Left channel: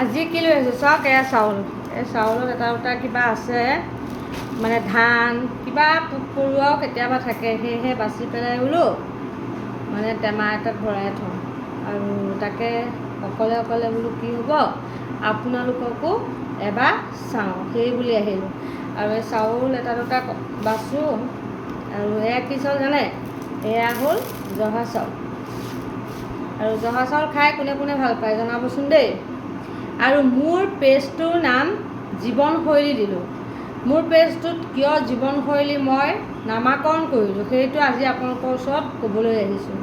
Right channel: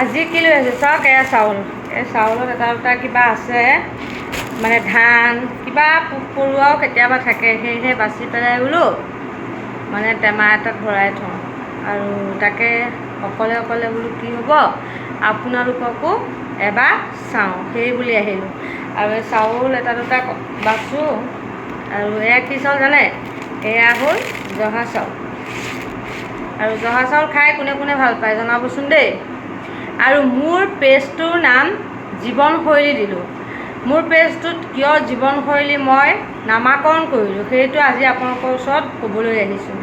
আজি কি লৈ আহিছোঁ চাওক, এয়া চাউল। এই চাউলত এটা দুটা কিবা আছে, মানে ধান কিবা পোক পৰুৱাও কেতিয়াবা থাকে, সেয়েহে বাচি পেলাই বোলো মানে টেমা এটাত ভৰাই থওঁ। আৰু তাকে অকলে অকলে বোলো কি হ'ব, আপোনালোককো এবাৰ চাওঁ সেই বুলি আহিলোঁ। আৰু এই চাউল এটা দুটা বাছোঁ। আৰু এয়া কি চাউল জানে, এয়া হ'ল জহা চাউল। আৰু জহা চাউল খাই কোনে কোনে ভাল পায় জনাবচোন দেই। আৰু মোৰ পেজটোৰ নাম জীৱনশৈলী দিলোঁ। মোৰ পেজটোত কিয় জীৱনশৈলী মই নামাকৰণ কৰিলোঁ, সেইটো আজি আপোনালোকৰ ওচৰত ক'বলৈ আহিছোঁ।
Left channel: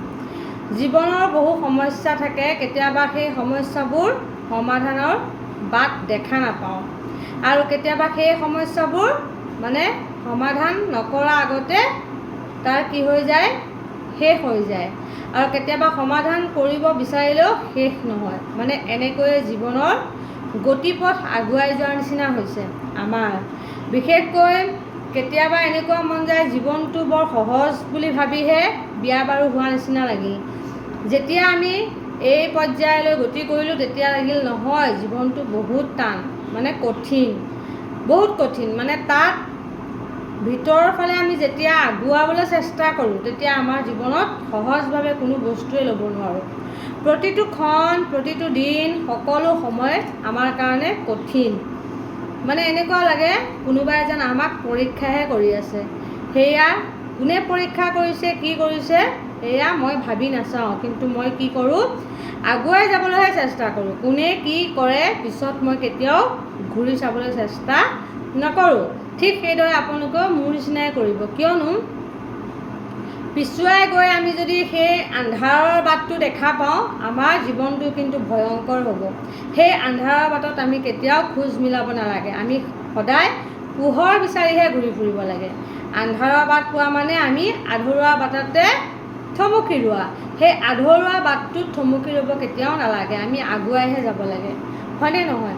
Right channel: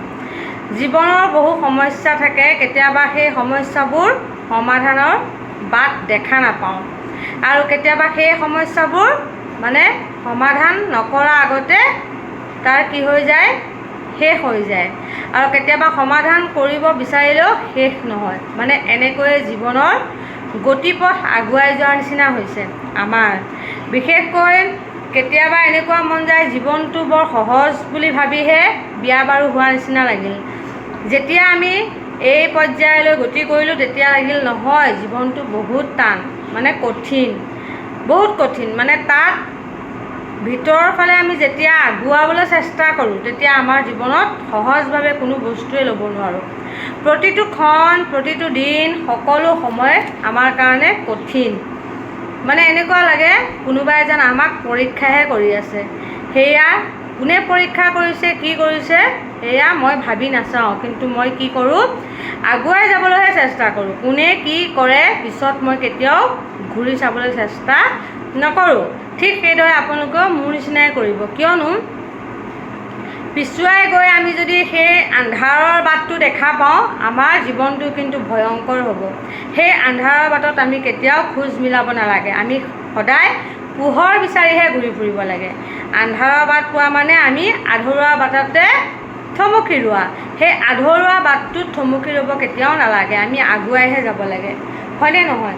জীৱনৰ বহু সমস্যা থাকে, কেতিয়াবা সেই সমস্যাবোৰ সমাধানৰ বাট দেখা নাপাওঁ। আৰু কেতিয়াবা সেই সমস্যাবোৰ মানে সমাধান নকৰাৰ আগতে তাৰ কি হৈ যায়, শেষ হৈ যায়। আৰু কেতিয়াবা সমাধান কৰিব বিচাৰিলেও শেষ নহয়। মানে এনেকৈয়ে জীৱনৰ গতিপথ আগুৱাই যোৱাৰ নিচিনা হৈছে আমাৰ। বিশেষকৈ কেতিয়াবা এনেকুৱা মন যায় জীৱনটো বৰ সহজ বুলি ভাবিহে বিয়া বাৰু হোৱাৰ নিচিনা লাগিল। যেতিয়া আমি এই পৰ্যায়লৈ গতি কৰিলোঁ তেতিয়া লাগিল নহয়, জীৱনটো বহুত টান, মানে কঠিন, বহুত কঠিন। মানে তাত ভিতৰৰ ফালে আমি যেতিয়া আগুৱাবলৈ চেষ্টা কৰোঁ তেতিয়া আমাৰ জীৱনত সহজভাৱে কোনো বস্তুৱে ল'ব নোৱাৰোঁ। প্ৰতিটো ক্ষণ, প্ৰতিটো দিন, সকলো সময় আমাৰ কাৰণে কঠিন। মানে এনেকুৱা লাগে কোনোবাই যেন আমাক পৰীক্ষাহে কৰি আছে। সেয়া কোনে পৰীক্ষা কৰিছে, কি কৰিছে সেয়া মই ভাবি নাচাওঁ, কিন্তু মই কি কৰোঁ, আগুৱাই যাবলৈহে চেষ্টা কৰোঁ। কোনে কি কৰে পিছত মই কেতিয়াও ঘূৰি চাবলৈ চেষ্টা নকৰোঁ। ঠিক সেইদৰে আপোনালোকেও মোৰ নিচিনাই কৰিব। কিয়নো পিছুৱাই গৈ আমি যদি সেই আন্ধাৰৰ বাটটো দেখা পাওঁ, আমাৰ জীৱনটো কিন্তু ভয়ংকৰ হ'ব। সেই আন্ধাৰৰ বাটত আমি কেতিয়াও খোজ মিলাব নালাগে। আমি সদায় পোহৰ বিচাৰিহে ঘূৰি ফুৰিব লাগে। আন্ধাৰৰ বাট পোৱা মানে আমি আধৰুৱা বাটতে থমকি ৰোৱা। সেই আধৰুৱা বাটটোত থমকি ৰ'ব কেতিয়াও নালাগে, আমি আগুৱাইহে যাব লাগে। হয়নে নহয়?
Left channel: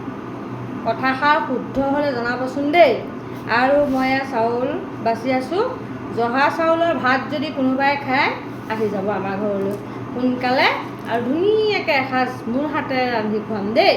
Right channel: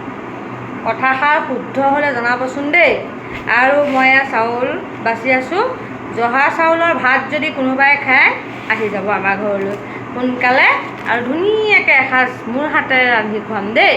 কথাষাৰ শুদ্ধ হ'লে জনাবচোন দেই। আৰু মই এয়া চাউল বাচি আছোঁ। জহা চাউলৰ ভাত যদি কোনোবাই খায় আহি যাব আমাৰ ঘৰলৈ সোনকালে, আৰু ধুনীয়াকৈ এসাঁজ মোৰ হাতেৰে ৰান্ধি খুৱাম দেই।